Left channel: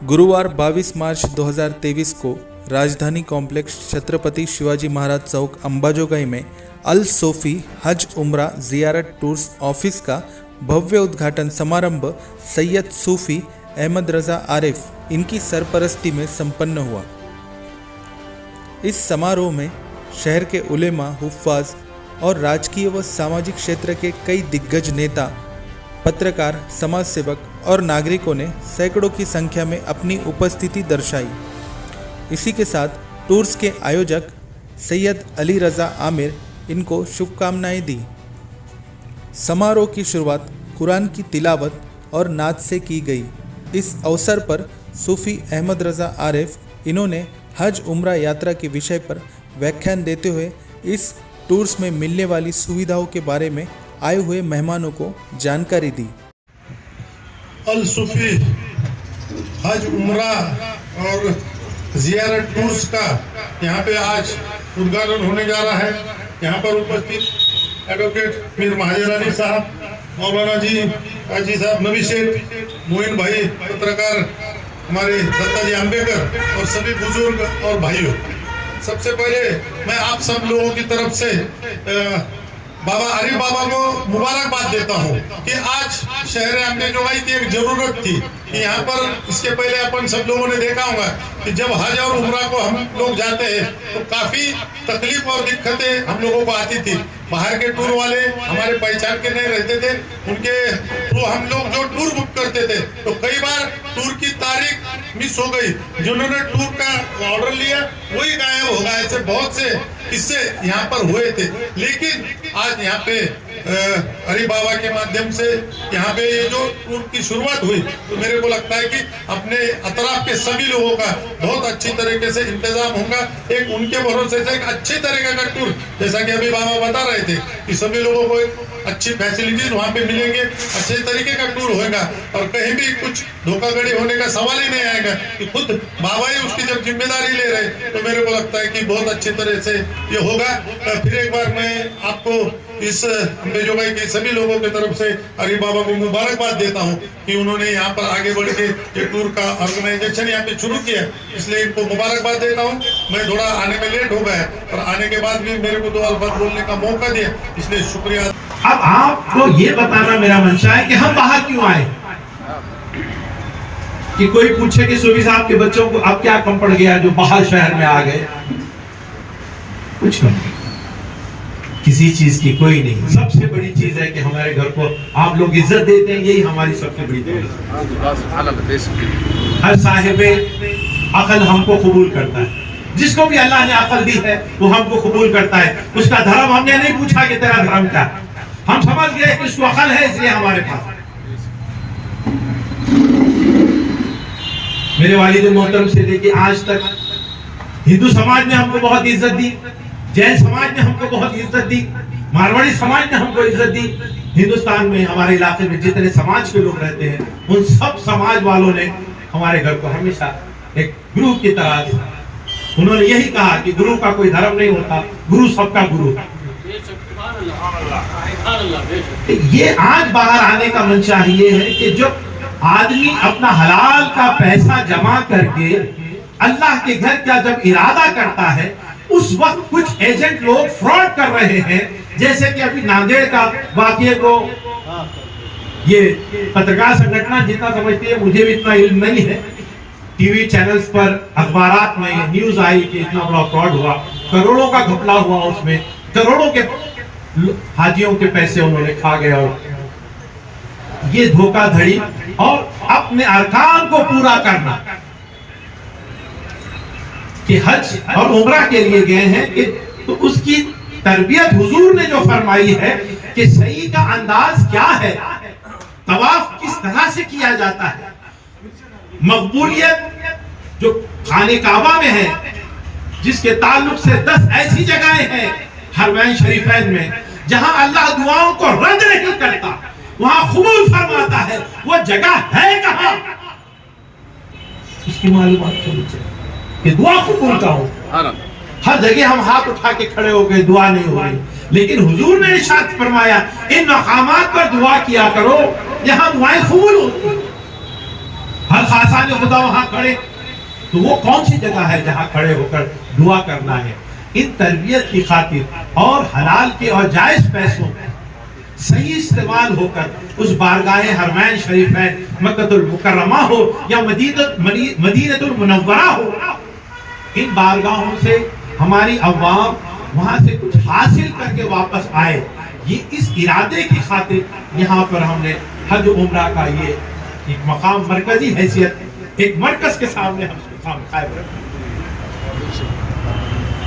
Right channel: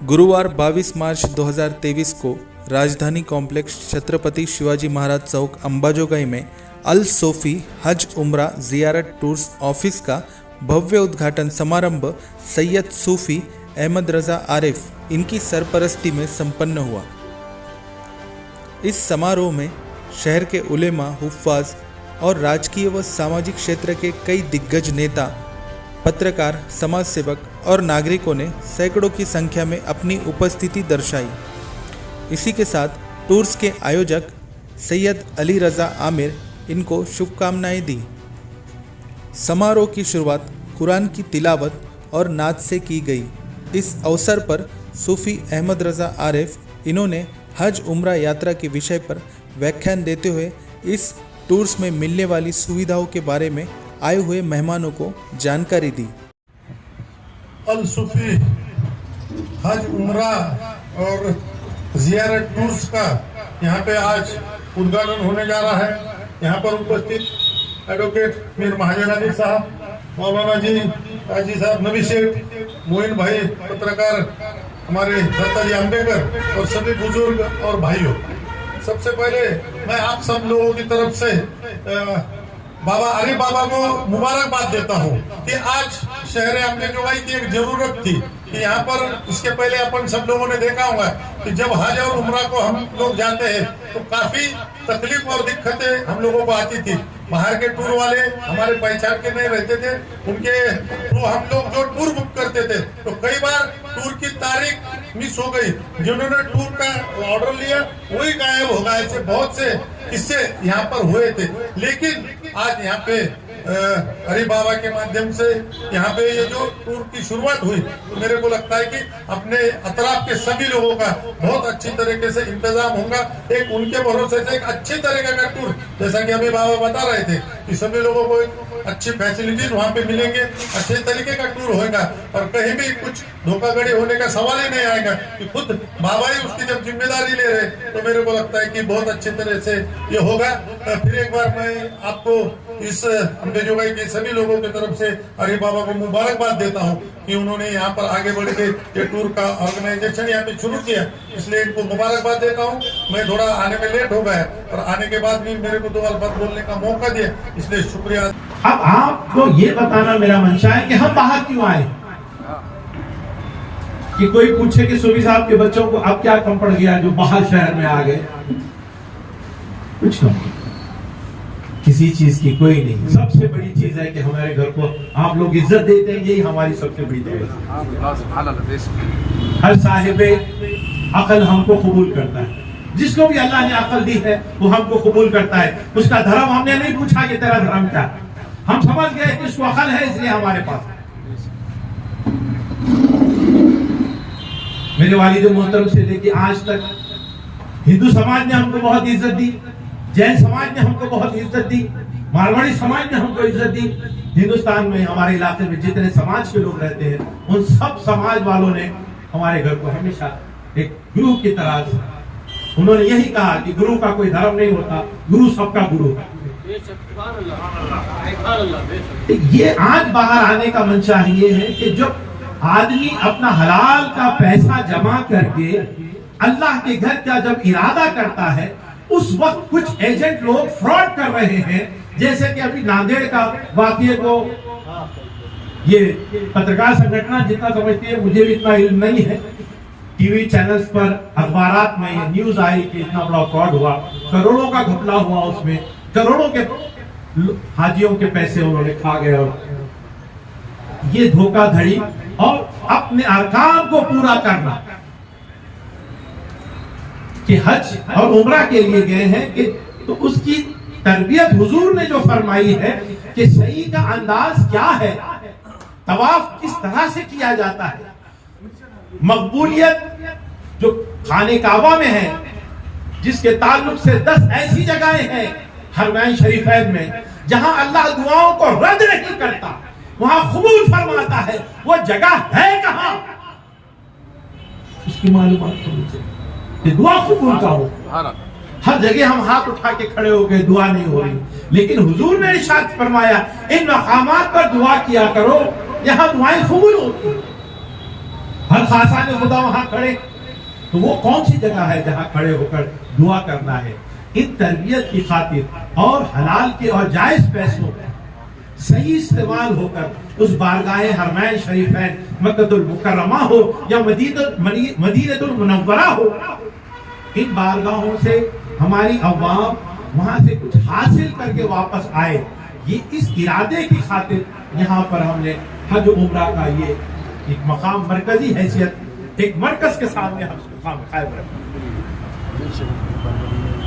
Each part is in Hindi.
गुरुवार 22 मार्च 2023 को राजधानी कॉम्प्लेक्स छत्रपति शिवाजी महाराज चौक अंबाजोगाई में अल सोफी हज उम्रा ज़ियारत टूर्स ऑफिस का भव्य उद्घाटन समारंभ सैयद सूफी अहमद रज़ा आरिफ इनकी सरपरस्ती में संपन्न हुआ। इस समारोह में शहर के उलेमा, हुफ्फाज और राजकीय व सामाजिक क्षेत्र के कई दिग्गज नेता, पत्रकार, समाज सेवक और नागरिकों ने सैकड़ों की संख्या में अपनी उपस्थिति दर्शाई। इसी के साथ टूर्स के आयोजक सैयद अली रज़ा आमिर इनको शुभकामनाएं दी। समारोह की शुरुआत कुरान की तिलावत और नात से की गई। इस अवसर पर सूफी अहमद रज़ा आरिफ इन्होंने हज उम्रा यात्रा के विषय पर व्याख्यान देते हुए इस टूर्स में मिलने वाली सुविधाओं के बारे में आए हुए मेहमानों को जानकारी दी। अल सूफी हज उम्रा और ज़ियारत टूर्स का यहाँ पे आज उद्घाटन होने जा रहा है। यहाँ पर उपस्थित एडवोकेट मीर महाजन अली साहब, मौलाना जी, काजी साहब, नबी शेख, मोइन भाई, पत्रकार हमारे दत्ता जी अम्बेकर और सभी बुजुर्ग और भाइयों, सबसे पहले मैं आप सब लोगों की तरफ से बाबा अरे बाबा को मुबारकबाद देता हूँ कि आज शहर अंबाजोगाई की एक जरूरत थी कि यहाँ पर इसके पहले अपन सब लोगों ने देखा होगा कि जब हज और उम्रा को हम लोग जाते हैं तो काफी तकलीफ और दिक्कतें हम लोगों को आती थी। बाहर के टूर वाले हमारे पहचान के नहीं रहते थे, उनके तो हम लोग जो टूर बुक करते थे तो कई बार टूर की तारीख मिस हो गई। जिन्होंने टूर का ऑर्डर लिया वही गायब हो गए। ऐसे बहुत से किस्से यहाँ पर हुए थे, लेकिन आज यहाँ पे हरि बाबा के माध्यम से यहाँ पे ये जो टूर की शुरुआत हुई तो मेरे को लगता है कि अपने अतराफ के सभी लोगों का बहुत अच्छी तरीके से इंतजाम होगा। एक उनके भरोसे से एक अच्छे तरीके का टूर, जैसा कि अभी बाबा बता रहे थे कि सभी लोगों को एक अच्छी फैसिलिटीज वहाँ पे मिलेंगे, अच्छे तरीके का टूर होगा और कहीं भी कुछ धोखाधड़ी होने का सवाल ही नहीं आएगा कि खुद बाबा ही उसकी जब जिम्मेदारी ले रहे तो मेरे को लगता है कि बहुत अच्छी तरह से ये होगा। फिर एक बार मैं आपको इस अंबाजोगाई के सभी लोगों की तरफ से हरि बाबा को मुबारकबाद देता हूँ कि उन्होंने यहाँ पर आगे बढ़ के ये टूर का ऑर्गेनाइजेशन यहाँ पे शुरू किया, इसलिए इनको मुबारकबाद देता हूँ। मैं थोड़ा आने में लेट हो गया और आने के बाद भी मेरे को 2 अल्फाज बोलने का मौका दिया, इसलिए शुक्रिया। अब आपको ये बताना मेरा मंशा है कि हम बाहर क्यों आए। कि कोई पूछे कि सूफी साहब के बच्चों को अब क्या कम पड़ गया जो बाहर शहर में आ गए, कुछ नहीं, किसी चीज की कोई नहीं। सबसे बड़ी चीज है कि हमारे घर को आप लोग इज्जत देते हैं, यही हमारी सबसे बड़ी दौलत है। हर साहिबे अकल हमको कबूल करता है, जिसको भी अल्लाह ने अकल दी है वो हमको कबूल करता है। उसका धर्म हमने नहीं पूछा कि तेरा धर्म क्या है, हम समझ गए कि उसको अकल है इसलिए हमारे पास। मेरे वालिद मोहतरम से लेके आज तक हिंदू समाज ने हमको बहुत इज्जत दी, जैन समाज ने हमको बहुत इज्जत दी, मारवाड़ी समाज ने हमको इज्जत दी। हिंदुस्तान में हमारे इलाके में जितने समाज के लोग रहते हैं उन सब समाज वालों ने हमारे घर को हमेशा एक गुरु की तरह, उन्होंने यही कहा कि गुरु का कोई धर्म नहीं होता, गुरु सबका गुरु। ये आज बाहर आने का मंशा ये है कि जब आदमी अपना हलाल का पैसा जमा करके अल्लाह के घर का जब इरादा करता है, उस वक्त कुछ एजेंट लोग फ्रॉड कर रहे हैं। जैसे कि अभी नांदेड़ का वाकये को ये पत्रकार संगठन जितना समझती है, मुझे भी इतना इल्म नहीं है, टीवी चैनल्स पर अखबारात में न्यूज आई कि इतना बड़ा फ्रॉड हुआ, करोड़ों का घपला हुआ, उसमें करोड़ों के हाजियों के पैसे उन्होंने खा गए। और ये धोखाधड़ी और अपने अरकान को पूरा करना कि हज और उम्रा के लिए गए हैं कि तो उसकी तरबियत हुजूर ने जो फरमाई है कि सही का अंदाज क्या है, तवाफ किस तरह से किया जाता है, मकबूलियत जो खाने काबा में है, जिसके ताल्लुक से 10 ऐसी जगहें हैं हरमैन शरीफैन में जहां अल्लाह दुआओं को रद्द नहीं करता, वहां कबूल फरमाता है, वो जगह है कहां, इसकी मालूमात होनी चाहिए कि दुआ कबूल का हो। हर जगह हम हाथ उठा के खड़े हो गए, दुआ नहीं हो रही, लेकिन हुजूर ने इरशाद फरमाया इन मकामात पर दुआ किया करो, यहाँ दुआएं कबूल होती। हर खासा ने खुदा वहां खड़े, तो वो कौन सी जगह है जहां खड़े होकर दुआ करना है। इन तरबियत की खातिर और हलाल के और जायज पैसों का सही इस्तेमाल होकर उस बारगाहे हरमैन शरीफैन मक्कतुल मुकर्रमा हो या मदीनतुल मुनव्वरा हो, इन बारगाहों से हमारी अवाम वहां से कुछ हासिल करके वापस आए, ये इस इरादे की खातिर यहाँ पर हमने हज उम्रा का ये एक मकाम मरकजी हैसियत एक मरकज के सामने हम मकाम कायम रखते।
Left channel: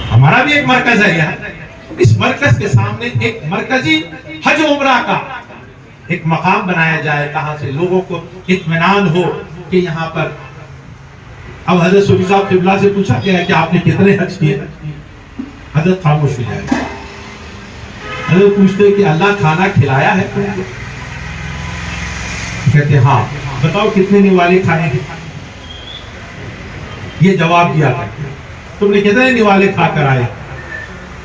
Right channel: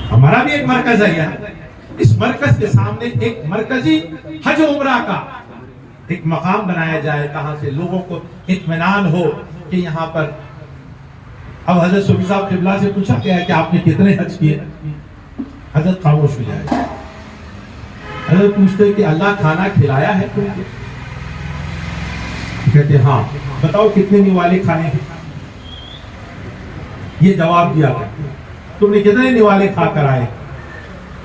हमारा भी एक मरकज है यहाँ, इस मरकज के सामने एक मरकजी हज उम्रा का एक मकाम बनाया जाए, कहां से लोगों को इत्मीनान हो कि यहाँ पर। अब हजरत सूफी साहब किबला से पूछा गया है कि आपने कितने हज किए, हजरत खामोश हो जाए। हजरत पूछते कि अल्लाह खाना खिलाया है तुमको, कहते हाँ, बताओ कितने निवाले खाए हैं। ये जवाब दिया था, तुमने कितने निवाले खाकर आए।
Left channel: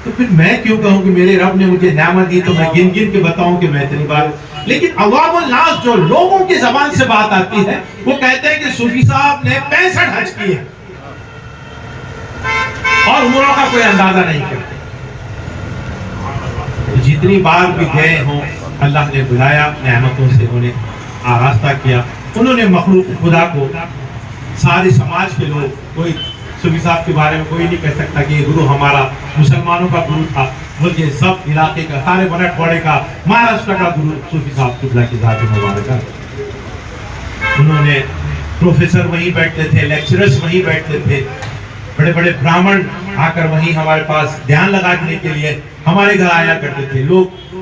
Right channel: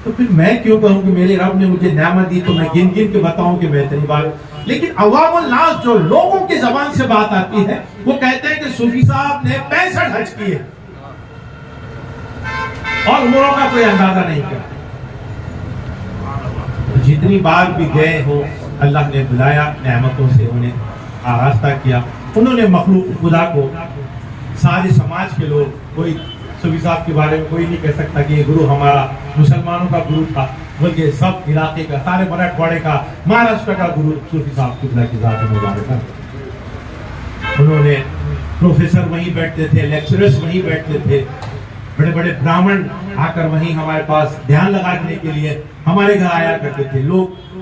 तो फिर मैं क्यों कहूं कि मेरे रब ने मुझे नेमत दी, तो मैं गिन गिन के बताऊं कि मैं इतनी बार। लेकिन अवामुल नास जो लोगों की जबान से बात आती है, वो कहते हैं कि सूफी साहब ने 65 हज किए और उम्रों का कोई अंदाजा नहीं करते। जितनी बार भी गए हों, अल्लाह ने बुलाया, नेमतों से उन्हें आरास्ता किया। उन्होंने मखलूक खुदा को, सारे समाज के लोग, कोई सूफी साहब के बारे में कोई नहीं कह सकता कि ये गुरु हमारा मुसलमानों का गुरु था, बल्कि सब इलाके का, सारे मराठवाड़े का, महाराष्ट्र का गुरु सूफी साहब किबला की जात मुबारक है। उन्होंने प्रोफेसर वहीं बैठते थे, लेक्चरर्स वहीं बैठते थे, बड़े बड़े ब्राह्मण आकर वहीं हमारे पास ध्यान लगाने के लिए हमारे घर आया करते थे। लोग